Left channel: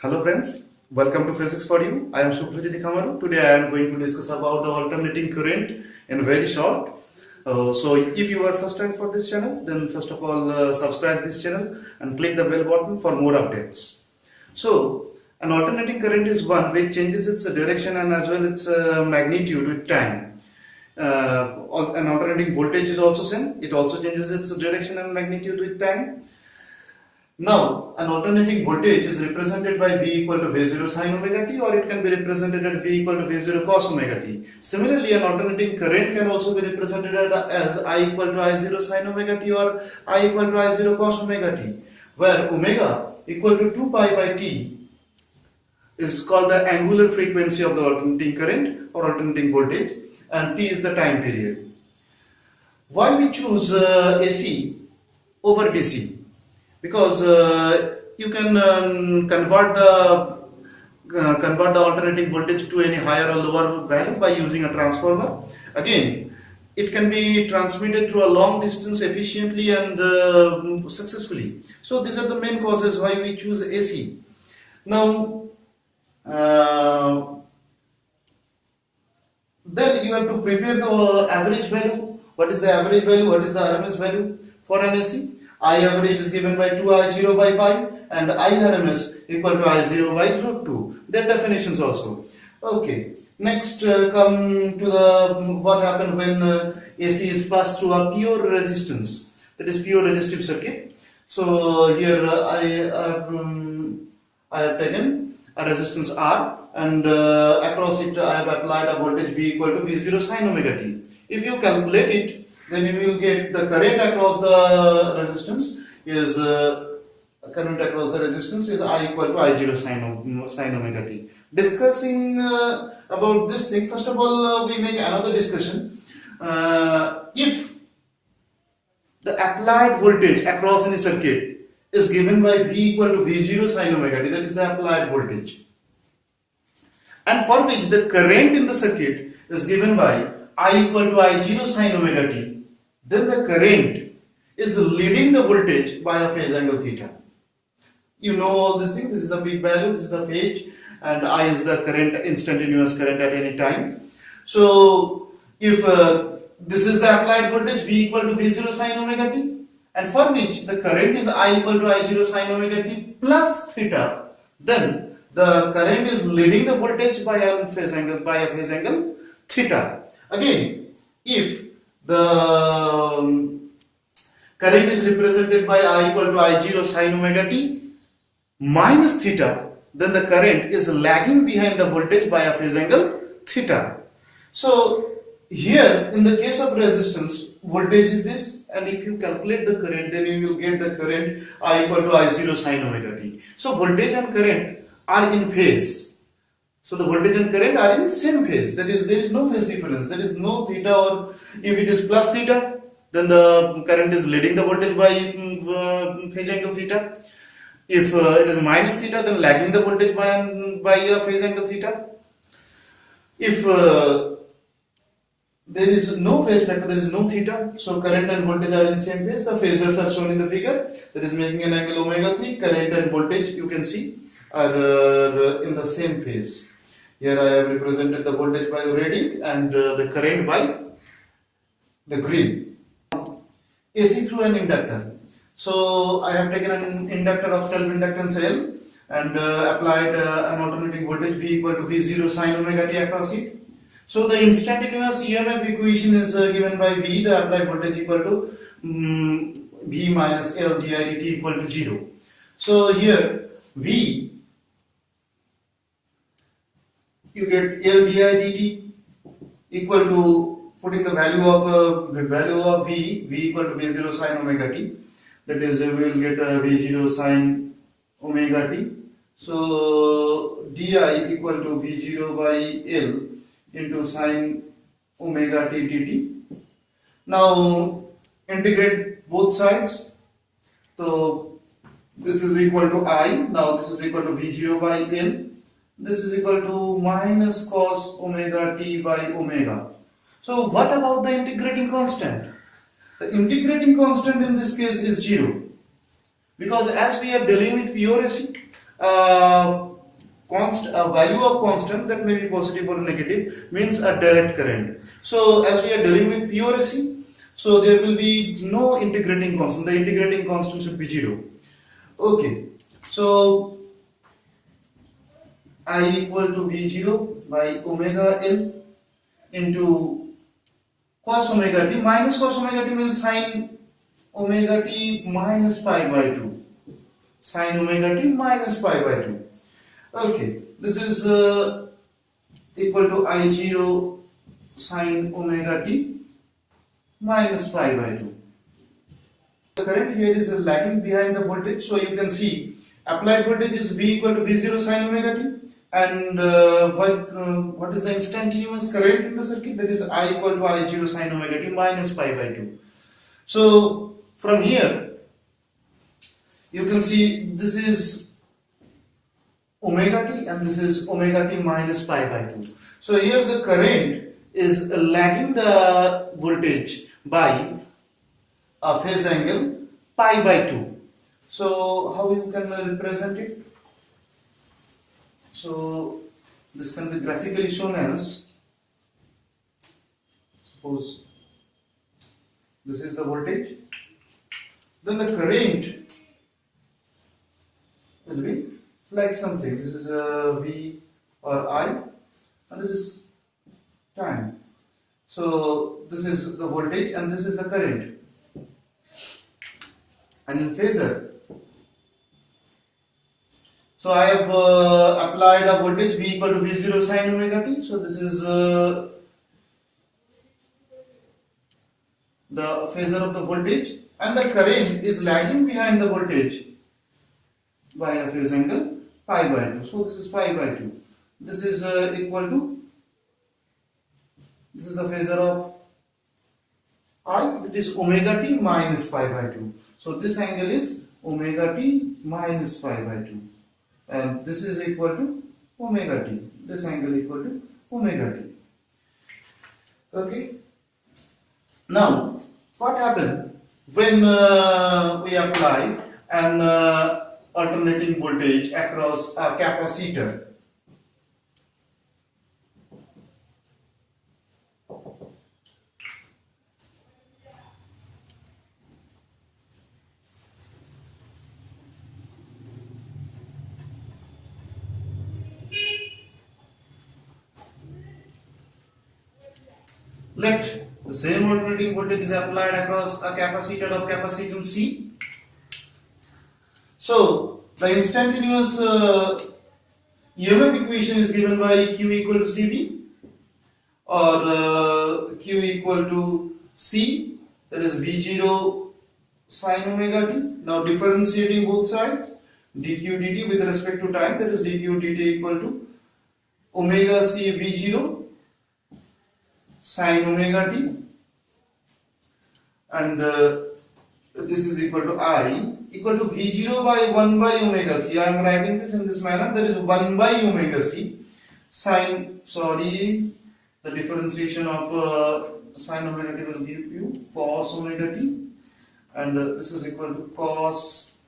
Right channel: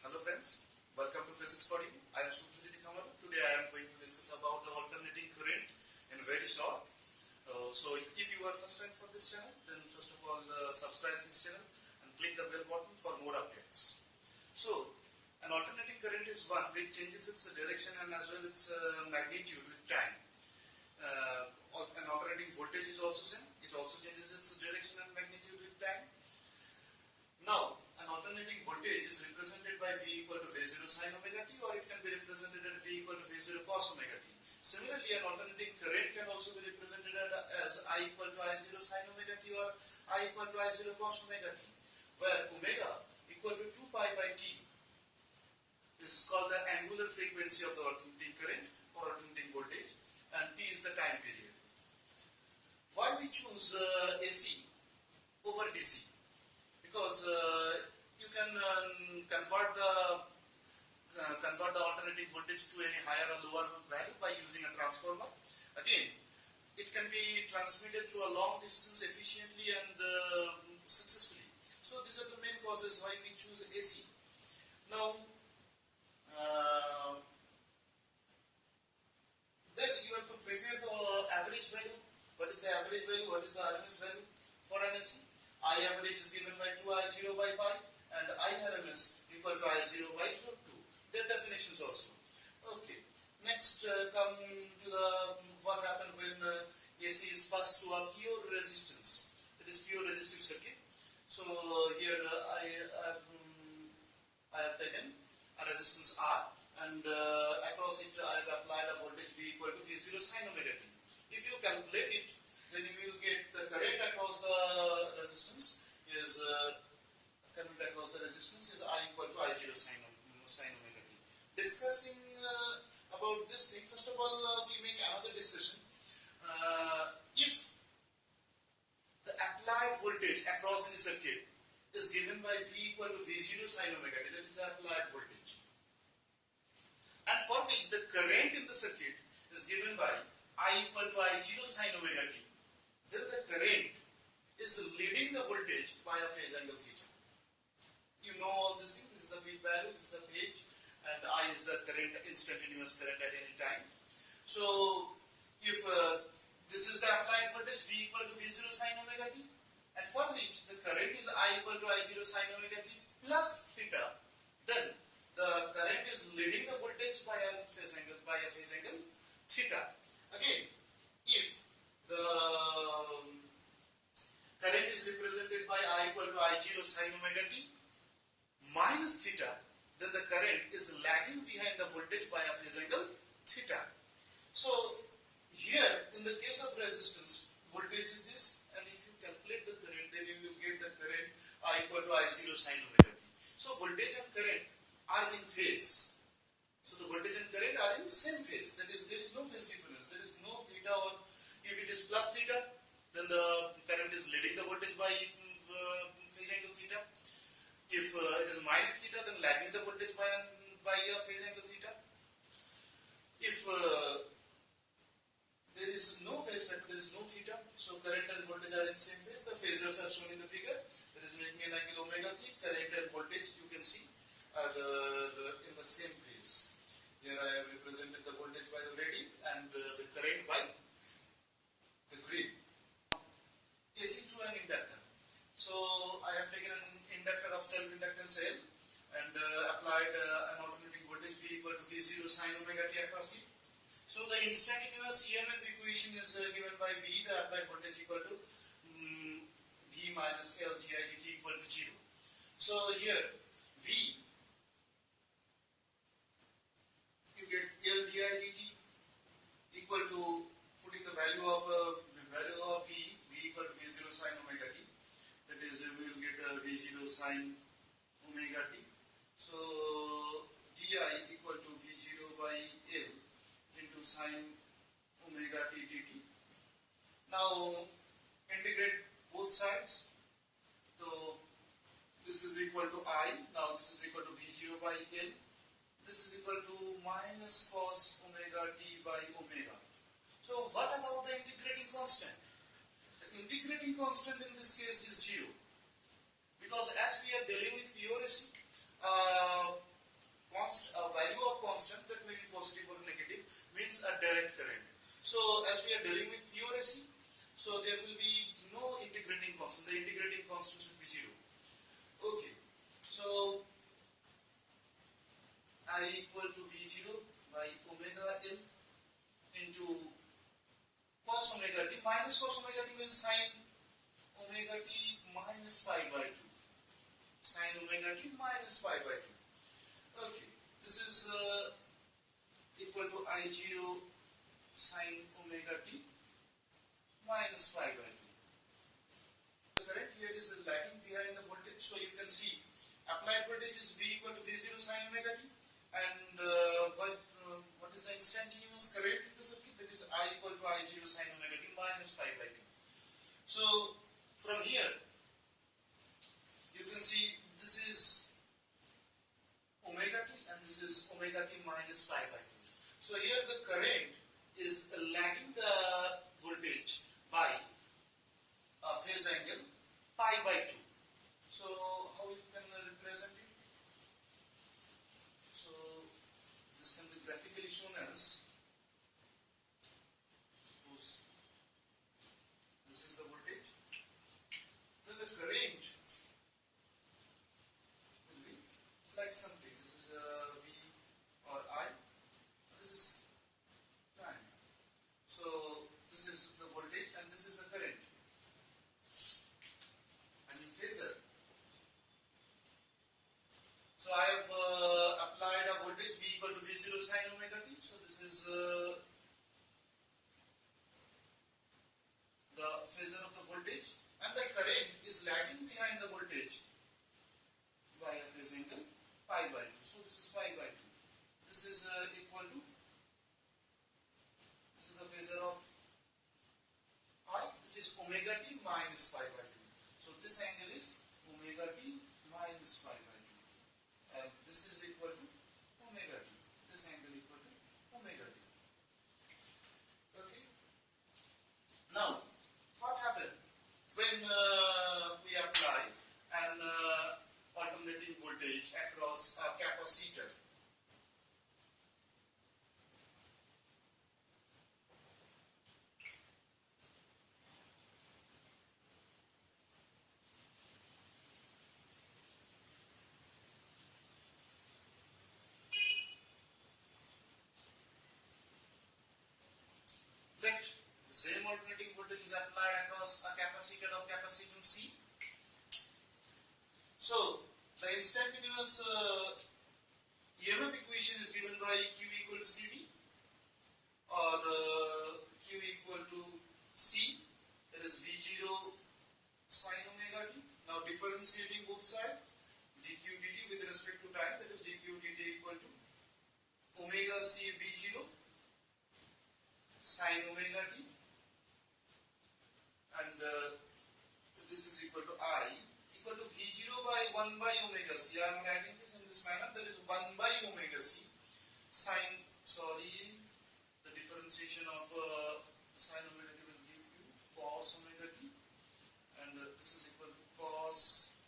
Hello friends, welcome to Physics for You. I am Khamaru. Today I am going to discuss about the alternating current in very short. So if you are first time for this channel, then first of all subscribe this channel and click the bell button for more updates. So an alternating current is one which changes its direction and as well its magnitude with time. An alternating voltage is also same. It also changes its direction and magnitude with time. Now, an alternating voltage is represented by V equal to V0 sin omega t, or it can be represented at V equal to V0 cos omega t. Similarly, an alternating current can also be represented as I equal to I0 sin omega t or I equal to I0 cos omega t, where omega equal to 2 pi by t is called the angular frequency of the alternating current or alternating voltage, and t is the time period. Why we choose AC over DC? Because you can convert the alternating voltage to any higher or lower value by using a transformer. Again, it can be transmitted through a long distance efficiently and successfully. So these are the main causes why we choose AC. Now then you have to prepare the average value. What is the average value? What is the RMS value for an AC? I average is given by 2I0 by pi and I RMS equal to I0 by root 2. Their definitions also. Okay. Next come to the what happened when AC is passed through a pure resistance, that is pure resistive circuit. So here I have taken a resistance R and across it I have applied a voltage V equal to V0 sin omega t. If you calculate it, then you will get the current across the resistance is I equal to I0 sin omega t. Discussing about this thing, first of all we make another discussion. If the applied voltage across any circuit is given by V equal to V0 sin omega t, that is the applied voltage, and for which the current in the circuit is given by I equal to I0 sin omega t, then the current is leading the voltage by a phase angle theta. You know all this thing. This is the peak value, this is the phase, and I is the current, instantaneous current at any time. So if this is the applied voltage V equal to V0 sin omega t, and for which the current is I equal to I0 sin omega t plus theta, then the current is leading the voltage by a phase angle theta. Again, if the current is represented by I equal to I0 sin omega t minus theta, then the current is lagging behind the voltage by a phase angle theta. So here in the case of resistance, voltage is this, and if you calculate the current, then you will get the current I equal to I0 sin omega t. So voltage and current are in phase. So the voltage and current are in same phase. That is, there is no phase difference. There is no theta, or if it is plus theta, then the current is leading the voltage by phase angle theta. If it is minus theta, then lagging the voltage by a phase angle theta. If there is no phase factor, there is no theta, so current and voltage are in same phase. The phasors are shown in the figure, that is making an angle omega 3. Current and voltage, you can see, are in the same phase. Here I have represented the voltage by the red and the current by the green. AC through an inductor. So I have taken an inductor of self-inductance L and applied an alternating voltage V equal to V0 sin omega t across it. So the instantaneous EMF equation is given by V, the applied voltage equal to V minus L di dt equal to 0. So here V, you get L di dt equal to, putting the value of V equal to V0 sin omega t, that is we will get V0 sin omega t. So di equal to V0 by L into sin omega t dt. Now integrate both sides. So this is equal to I. Now this is equal to V0 by L. This is equal to minus cos omega t by omega. So what about the integrating constant? The integrating constant in this case is 0. Because as we are dealing with pure AC, value of constant that may be positive or negative means a direct current. So as we are dealing with pure AC, so there will be no integrating constant. The integrating constant should be 0. Okay, so I equal to V0 by omega L into cos omega t minus cos omega t means sin omega t minus pi by 2. Sin omega t minus pi by 2. Okay, this is equal to I0 sin omega t minus pi by 2. The current here is lagging behind the voltage, so you can see applied voltage is V equal to V0 sin omega t, and what is the instantaneous current in the circuit? That is I equal to I0 sin omega t minus pi by 2. So from here you can see this is omega t and this is omega t minus pi by 2. So here the current is lagging the voltage by a phase angle pi by 2. So how you can represent it? So this can be graphically shown as, suppose this is the voltage, then the current will be like something. This is a V or I and this is time. So this is the voltage and this is the current. And in phasor, so I have applied a voltage V equal to V0 sin omega t. So this is the phasor of the voltage, and the current is lagging behind the voltage by a phase angle pi by 2. So this is pi by 2. This is equal to, this is the phasor of I, which is omega t minus pi by 2. So this angle is omega t minus pi by 2. And this is equal to omega t. This angle equal to omega t. Okay. Now, what happened when we apply an alternating voltage across a capacitor? Let the same alternating voltage is applied across a capacitor of capacitance C. So the instantaneous EMF equation is given by Q equal to Cv, or Q equal to C, that is V0 sin omega t. Now differentiating both sides, dq dt with respect to time, that is dq dt equal to omega C V0 sin omega t, and this is equal to I equal to V0 by 1 by omega C. I am writing this in this manner, that is 1 by omega C sin, the differentiation of sin omega t will give you cos omega t, and this is equal to cos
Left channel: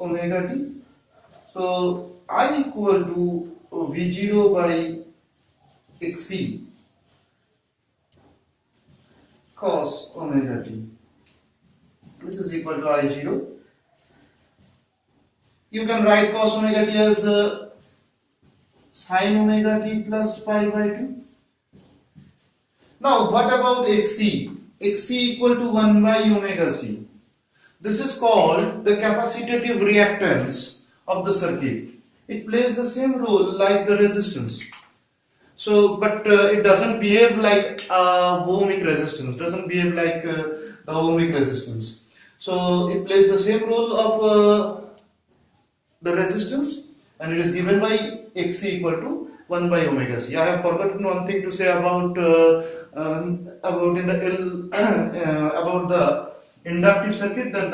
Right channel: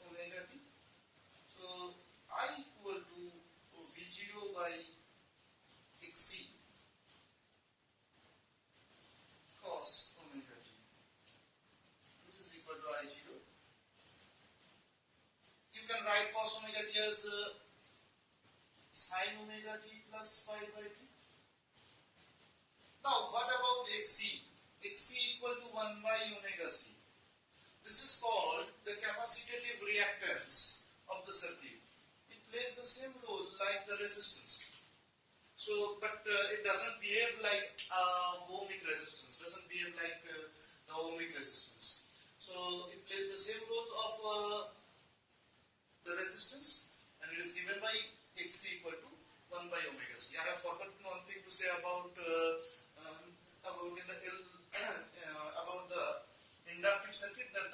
omega t. So I equal to V0 by xc cos omega t. This is equal to I0. You can write cos omega t as sin omega t plus pi by 2. Now what about xc? xc equal to 1 by omega c. This is called the capacitive reactance of the circuit. It plays the same role like the resistance. So, but it doesn't behave like ohmic resistance, doesn't behave like the ohmic resistance. So, it plays the same role of the resistance, and it is given by xc equal to 1 by omega c. I have forgotten one thing to say about in the about the inductive circuit, that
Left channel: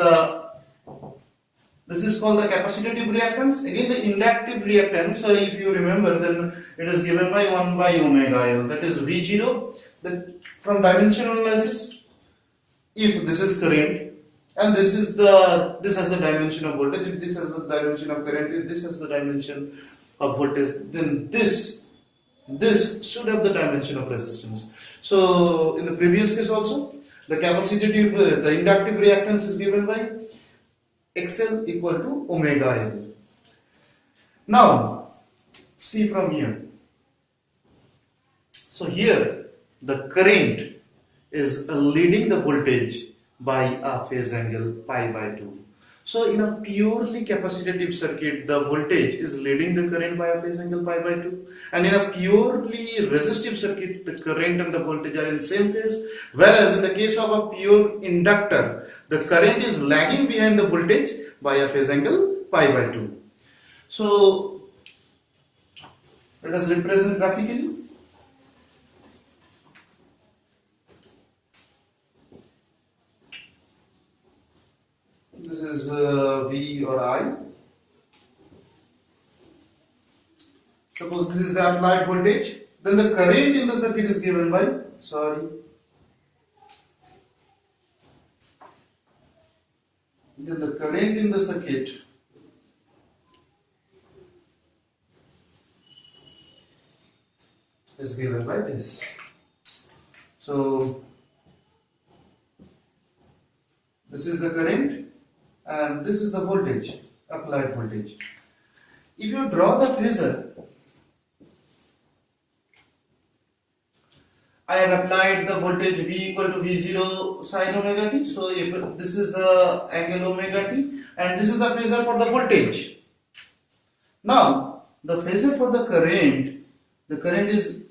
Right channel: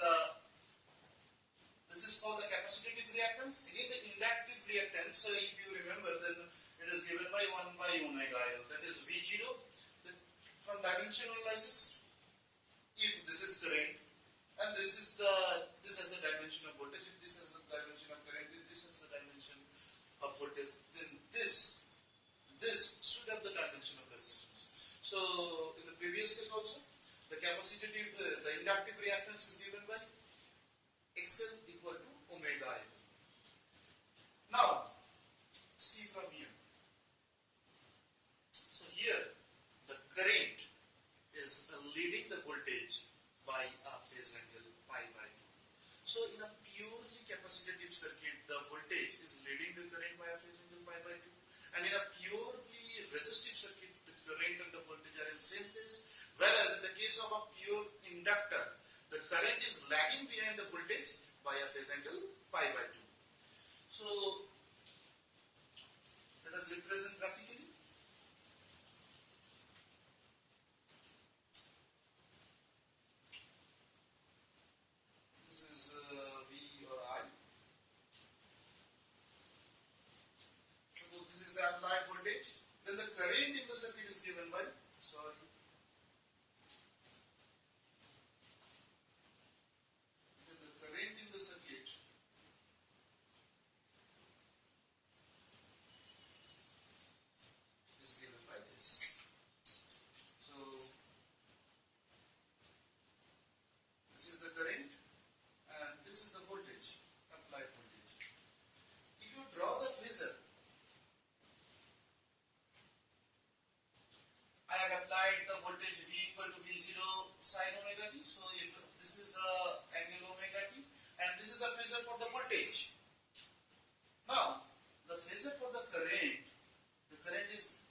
this is called the capacitive reactance. Again, the inductive reactance, if you remember, then it is given by 1 by omega L, that is V0. That from dimensional analysis, if this is current, and this has the dimension of voltage. If this has the dimension of current, if this has the dimension of voltage, then this should have the dimension of resistance. So in the previous case also, the capacitive, the inductive reactance is given by XL equal to omega L. Now see from here. So here the current is leading the voltage by a phase angle pi by 2. So in a purely capacitive circuit, the voltage is leading the current by a phase angle pi by 2, and in a purely resistive circuit, the current and the voltage are in same phase, whereas in the case of a pure inductor, the current is lagging behind the voltage by a phase angle pi by 2. So let us represent graphically. This is V or I. Suppose this is the applied voltage, then the current in the circuit is given by, then the current in the circuit is given by this. So this is the current and this is the voltage, applied voltage. If you draw the phasor, I have applied the voltage V equal to V0 sin omega t. So if this is the angle omega t and this is the phasor for the voltage. Now the phasor for the current is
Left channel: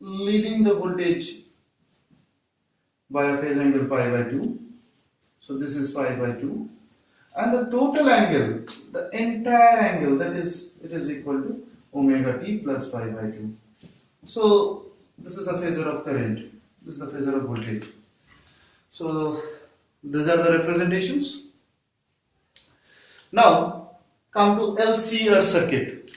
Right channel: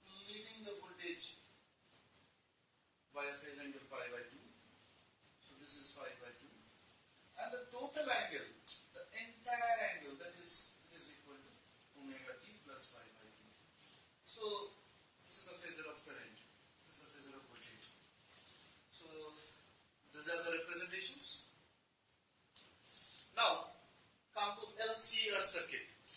leading the voltage by a phase angle pi by 2. So this is pi by 2, and the total angle, the entire angle, that is, it is equal to omega t plus pi by 2. So this is the phasor of current, this is the phasor of voltage. So these are the representations. Now come to LCR circuit.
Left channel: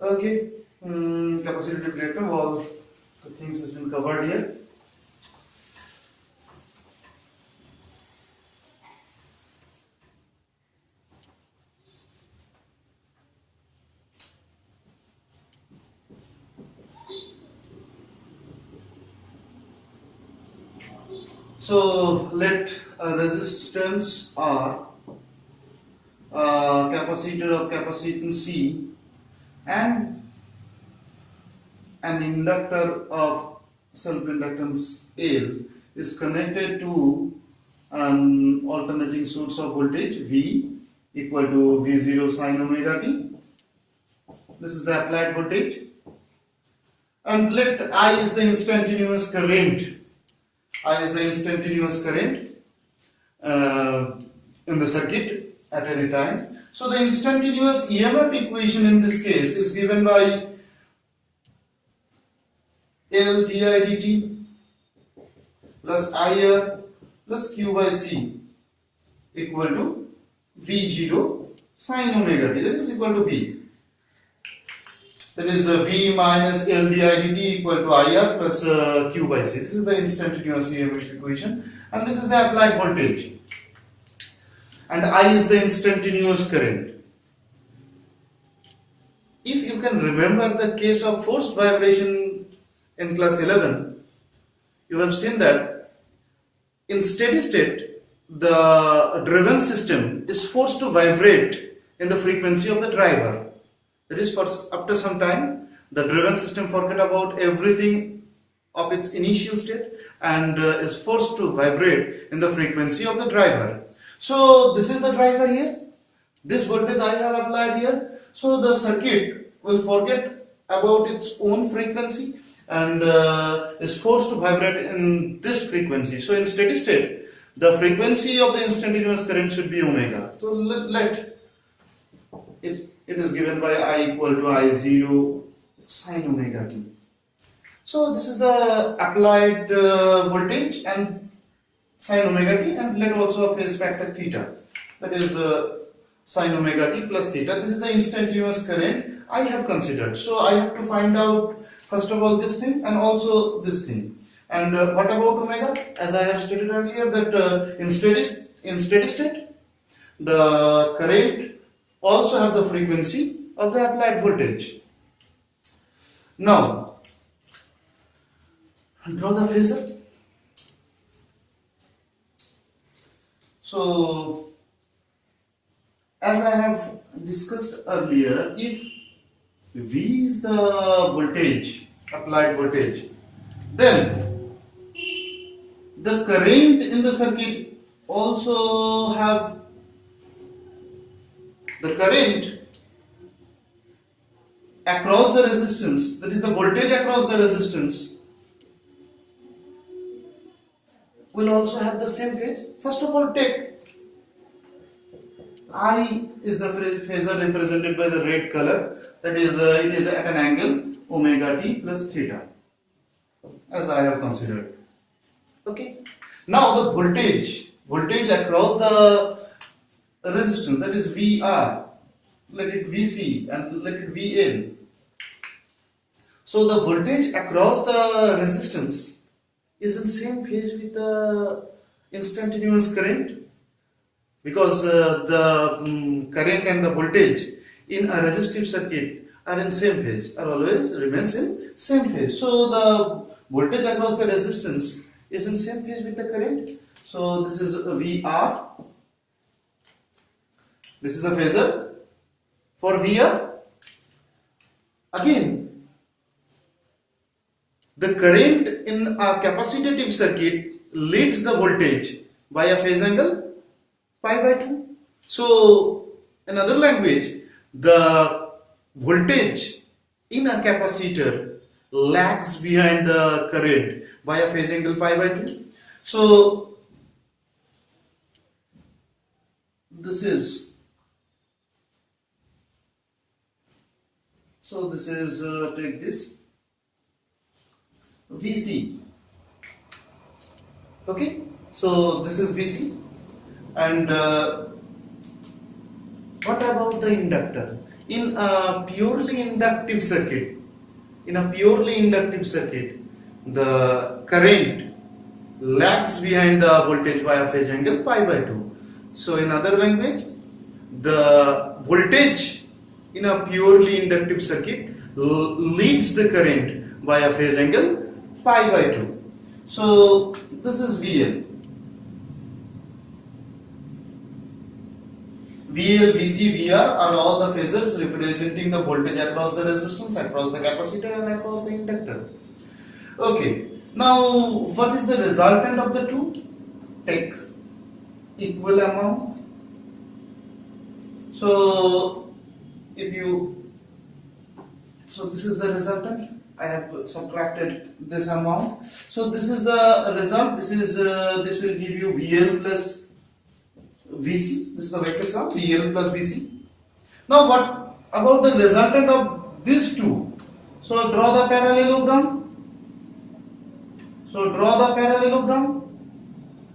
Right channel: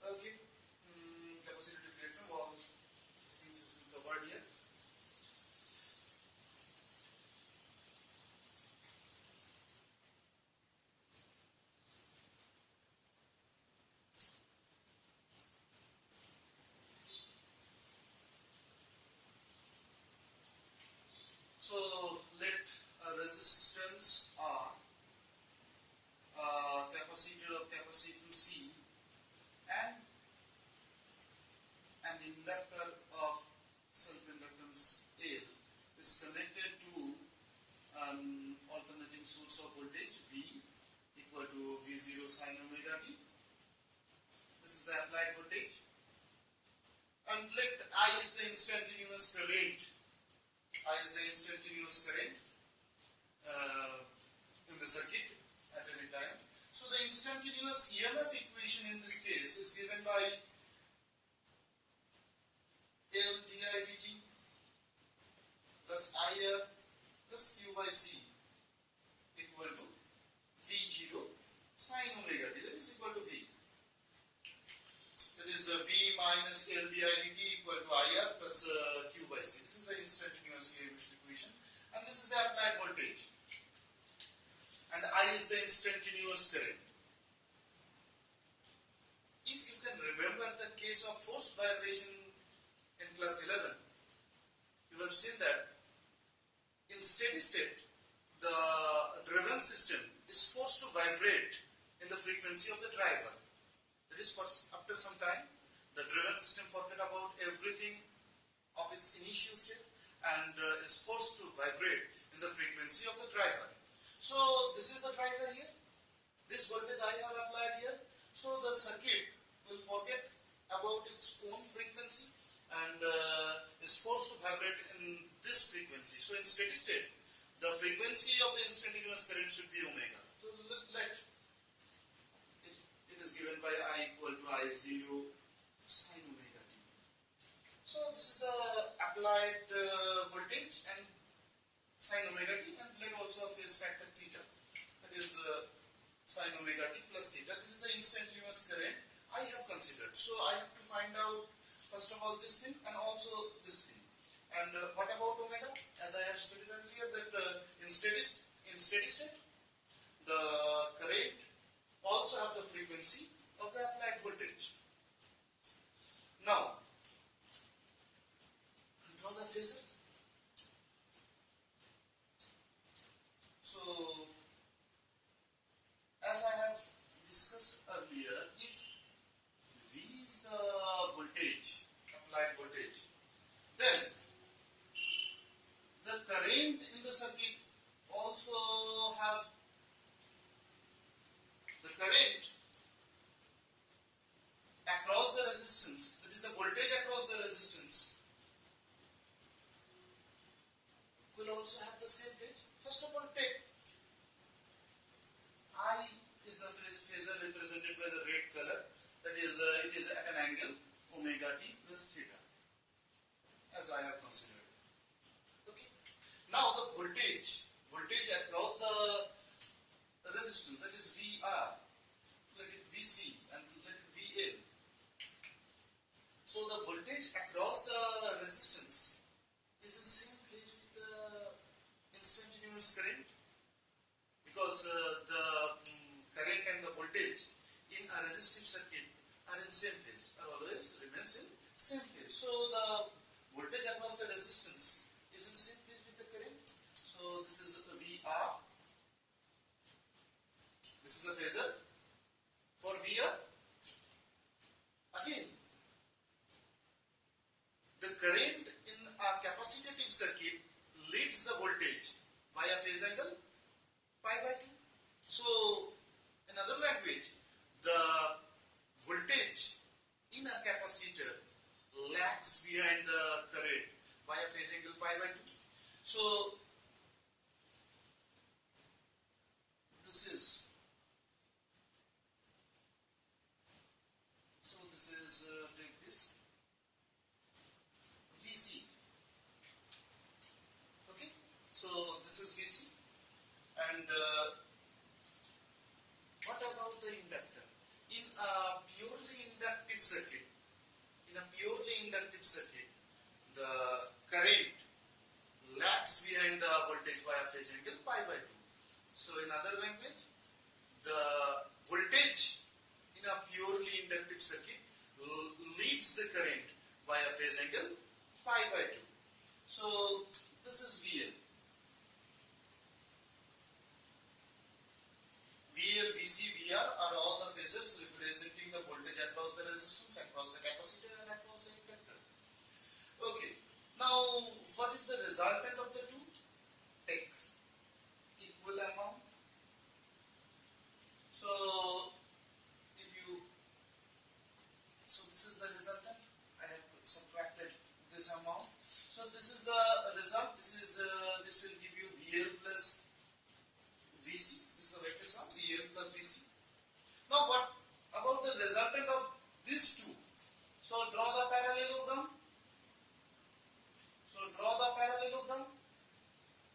Okay, capacitive reactor, all the things has been covered here. So let a resistance R, capacitor of capacitance C, and an inductor of self-inductance L is connected to an alternating source of voltage V equal to V0 sin omega t. This is the applied voltage, and let I is the instantaneous current. I is the instantaneous current in the circuit at any time. So the instantaneous EMF equation in this case is given by L di dt plus IR plus Q by C equal to V0 sin omega t, that is equal to V. That is V minus L di dt equal to IR plus Q by C. This is the instantaneous EMF equation, and this is the applied voltage, and I is the instantaneous current. If you can remember the case of forced vibration in class 11, you have seen that in steady state the driven system is forced to vibrate in the frequency of the driver. That is, for after some time the driven system forget about everything of its initial state and is forced to vibrate in the frequency of the driver. So this is the driver here, this voltage I have applied here. So the circuit will forget about its own frequency and is forced to vibrate in this frequency. So in steady state the frequency of the instantaneous current should be omega. So let it is given by I equal to I0 sin omega t. So this is the applied voltage and sin omega t, and let also a phase factor theta, that is sin omega t plus theta. This is the instantaneous current I have considered. So I have to find out first of all this thing and also this thing. And what about omega? As I have stated earlier, that in steady state, the current also have the frequency of the applied voltage. Now, draw the phasor. So, as I have discussed earlier, if V is the voltage, applied voltage, then the current in the circuit also have the current across the resistance, that is the voltage across the resistance, will also have the same phase. First of all, take I is the phasor represented by the red color, that is it is at an angle omega t plus theta, as I have considered. Okay. Now the voltage across the resistance, that is VR, let it VC and let it VL. So the voltage across the resistance is in same phase with the instantaneous current, because the current and the voltage in a resistive circuit are in same phase, are always remains in same phase. So the voltage across the resistance is in same phase with the current. So this is VR. This is the phasor for VR. Again, the current in a capacitive circuit leads the voltage by a phase angle pi by 2. So, in other language, the voltage in a capacitor lags behind the current by a phase angle pi by 2. So, this is take this VC. Okay, so this is VC. And what about the inductor? In a purely inductive circuit, the current lags behind the voltage by a phase angle pi by 2. So in other language, the voltage in a purely inductive circuit leads the current by a phase angle pi by 2. So this is VL. VL, VC, VR are all the phasors representing the voltage across the resistance, across the capacitor and across the inductor. Okay, now what is the resultant of the two? Take equal amount. So this is the resultant. I have subtracted this amount. So this is the result. This will give you VL plus VC. This is the vector sum, VL plus VC. Now what about the resultant of these two? So draw the parallelogram.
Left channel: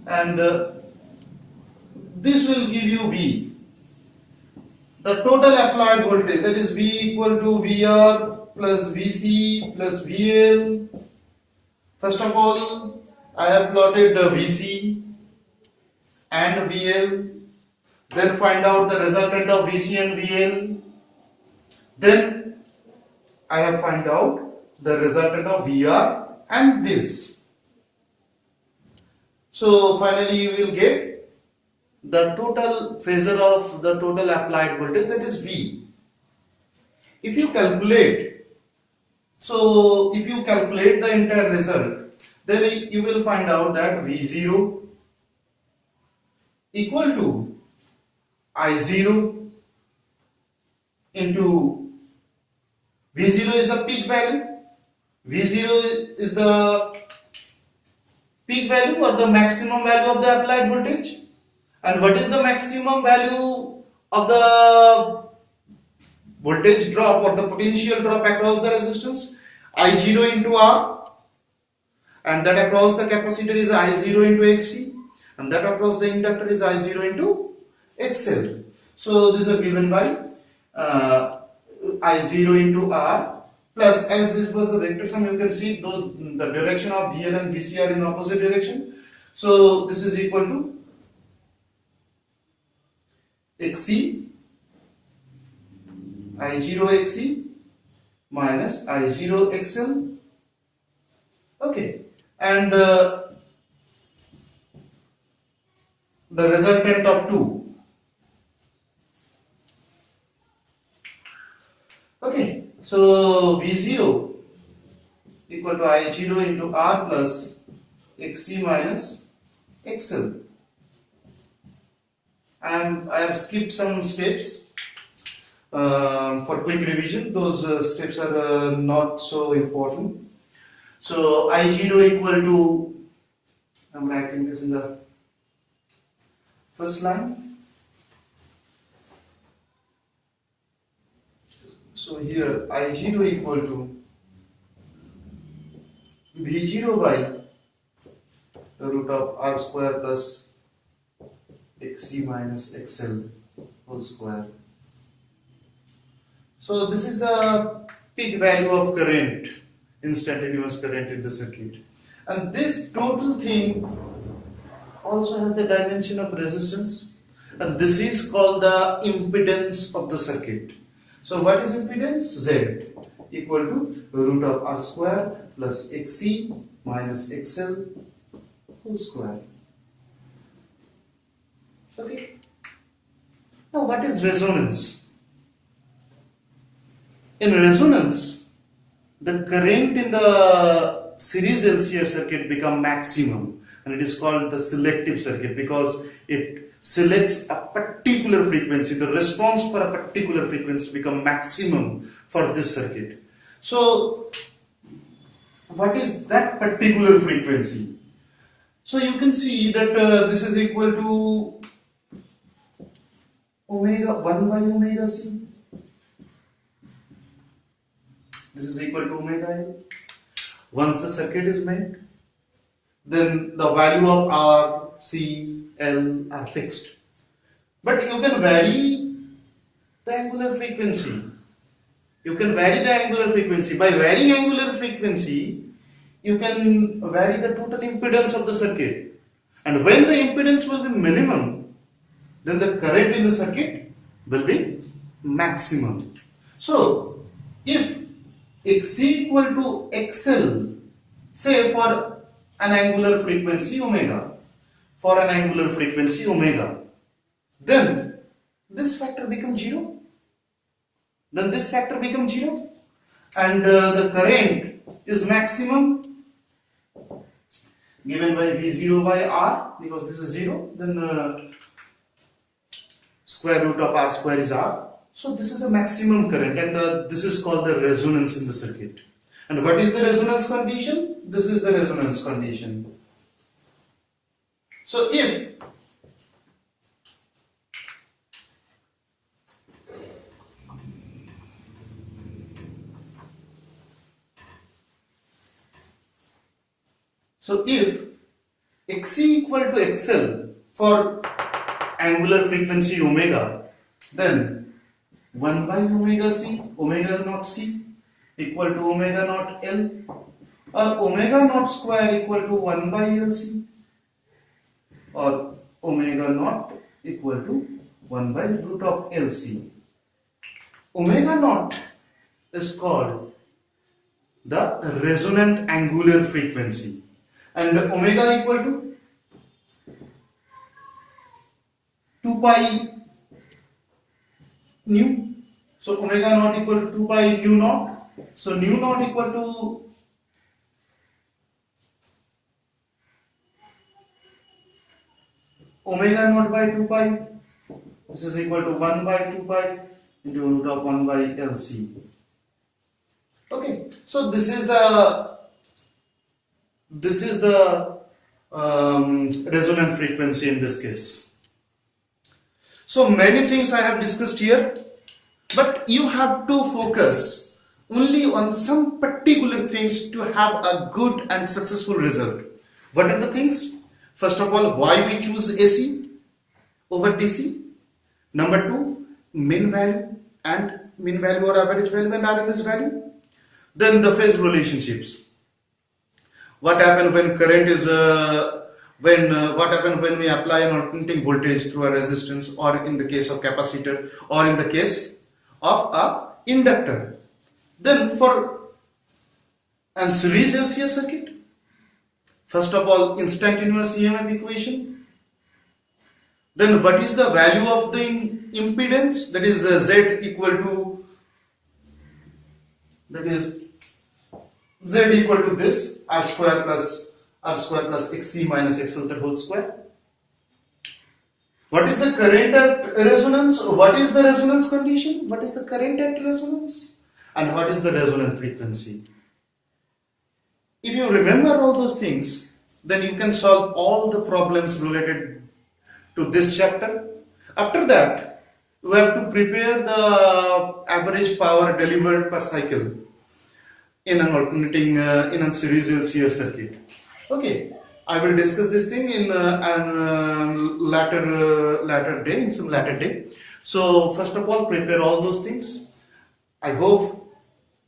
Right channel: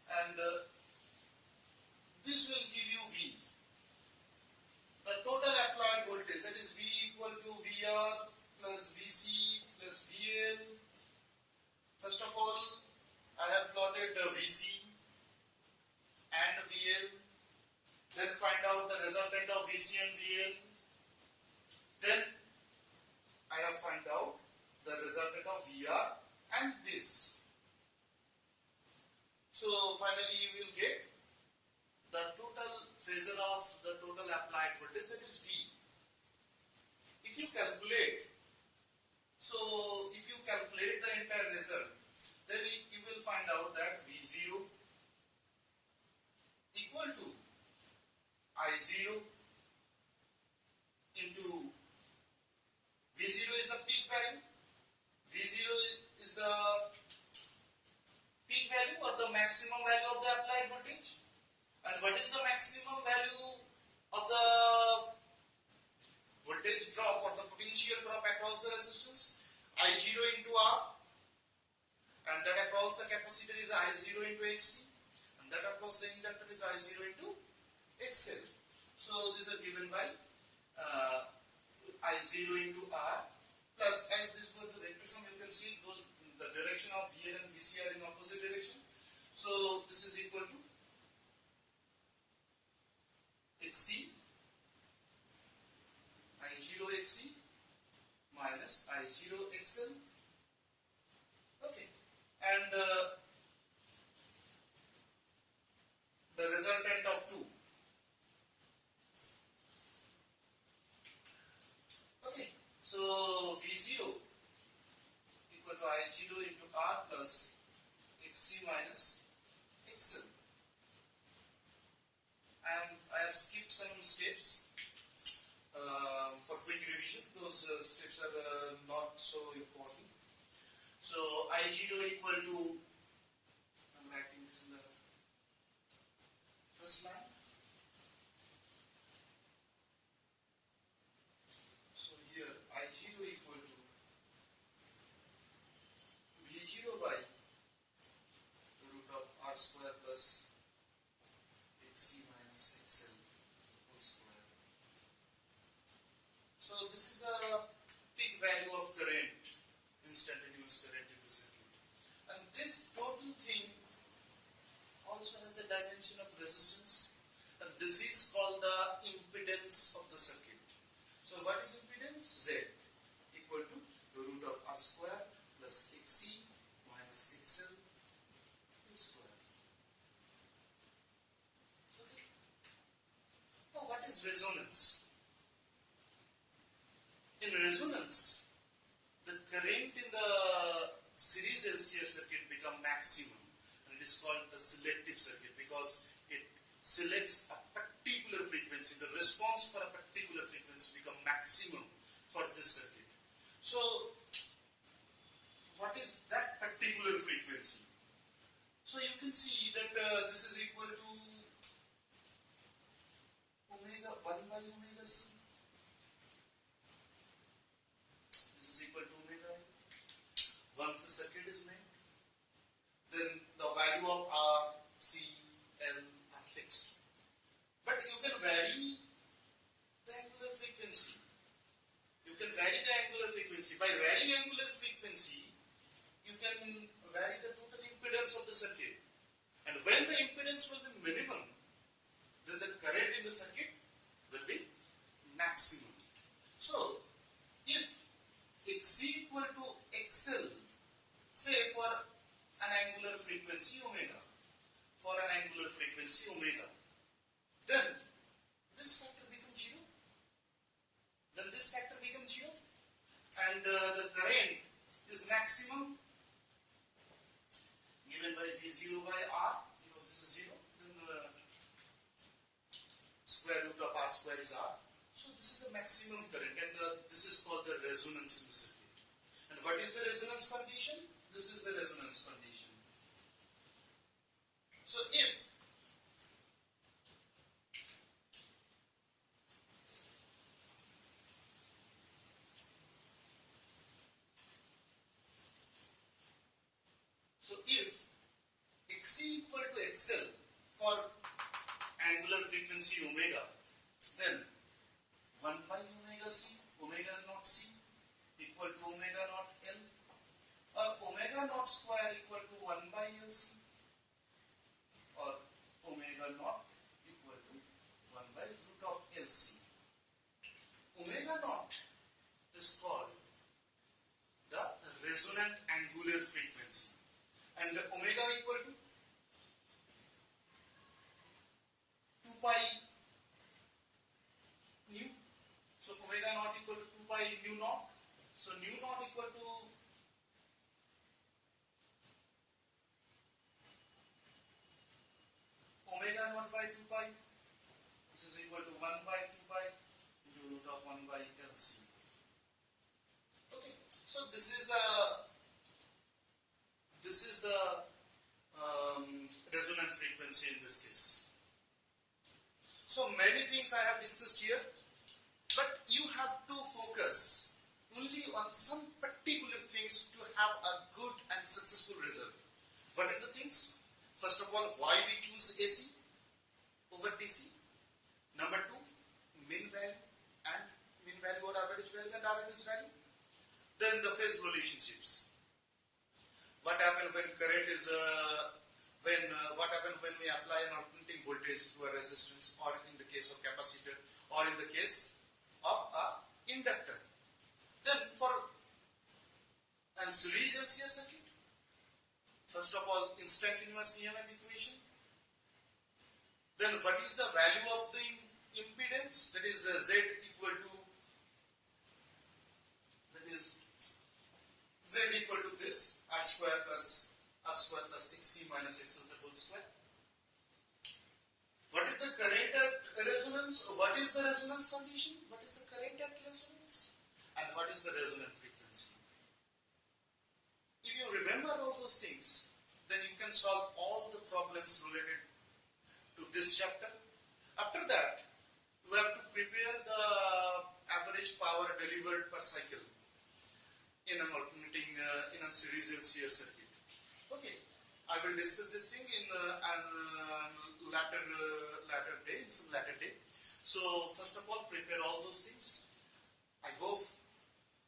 And this will give you V. The total applied voltage, that is V equal to VR plus VC plus VL. First of all, I have plotted the VC and VL. Then find out the resultant of VC and VL. Then I have find out the resultant of VR and this. So finally you will get the total phasor of the total applied voltage, that is V. If you calculate the entire result, then you will find out that V0 equal to I0 into V0 is the peak value. V0 is the peak value or the maximum value of the applied voltage. And what is the maximum value of the voltage drop or the potential drop across the resistance? I0 into R, and that across the capacitor is I0 into XC, and that across the inductor is I0 into XL. So these are given by I0 into R plus, as this was the vector sum, you can see those the direction of VL and VC are in opposite direction. So this is equal to XC I0 XC minus I0 XL. Okay, and the resultant of 2. Okay, so V0 equal to I0 into R plus XC minus XL. And I have skipped some steps for quick revision. Those steps are not so important. So I0 equal to, I'm writing this in the first line. So here I0 equal to V0 by the root of R square plus XC minus XL whole square. So this is the peak value of current, instantaneous current in the circuit. And this total thing also has the dimension of resistance, and this is called the impedance of the circuit. So what is impedance? Z equal to root of R square plus XC minus XL whole square. Okay. Now what is resonance? In resonance, the current in the series LCR circuit become maximum, and it is called the selective circuit because it selects a particular frequency. The response for a particular frequency become maximum for this circuit. So what is that particular frequency? So you can see that this is equal to omega 1 by omega c. This is equal to omega L. Once the circuit is made, then the value of R, C, L are fixed. But you can vary the angular frequency. You can vary the angular frequency. By varying angular frequency, you can vary the total impedance of the circuit. And when the impedance will be minimum, then the current in the circuit will be maximum. So, if XC equal to XL, say for an angular frequency omega, then this factor becomes 0. And the current is maximum given by V0 by R, because this is 0, then square root of R square is R. So this is the maximum current, and this is called the resonance in the circuit. And what is the resonance condition? This is the resonance condition. So if XC equal to XL for angular frequency omega, then 1 by omega c, omega naught c equal to omega naught L, or omega naught square equal to 1 by LC, or omega naught equal to 1 by root of LC. Omega naught is called the resonant angular frequency, and omega equal to 2 pi nu. So omega naught equal to 2 pi nu naught. So nu naught equal to omega naught by 2 pi. This is equal to 1 by 2 pi into root of 1 by LC. Okay, so this is the resonant frequency in this case. So many things I have discussed here, but you have to focus only on some particular things to have a good and successful result. What are the things? First of all, why we choose AC over DC. Number 2, mean value or average value and RMS value. Then the phase relationships. What happens when current is what happens when we apply an alternating voltage through a resistance, or in the case of capacitor, or in the case of a inductor. Then for a series LCR circuit, first of all, instantaneous EMF equation. Then what is the value of the impedance? That is Z equal to, Z equal to this R square plus XC minus XL the whole square. What is the current at resonance? What is the resonance condition? What is the current at resonance? And what is the resonant frequency? If you remember all those things, then you can solve all the problems related to this chapter. After that, you have to prepare the average power delivered per cycle in an alternating in a series LCR circuit. Okay, I will discuss this thing in later day. So first of all, prepare all those things. I hope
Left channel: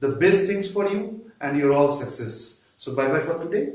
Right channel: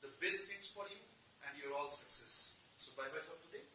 the best things for you and your all success. So bye bye for today.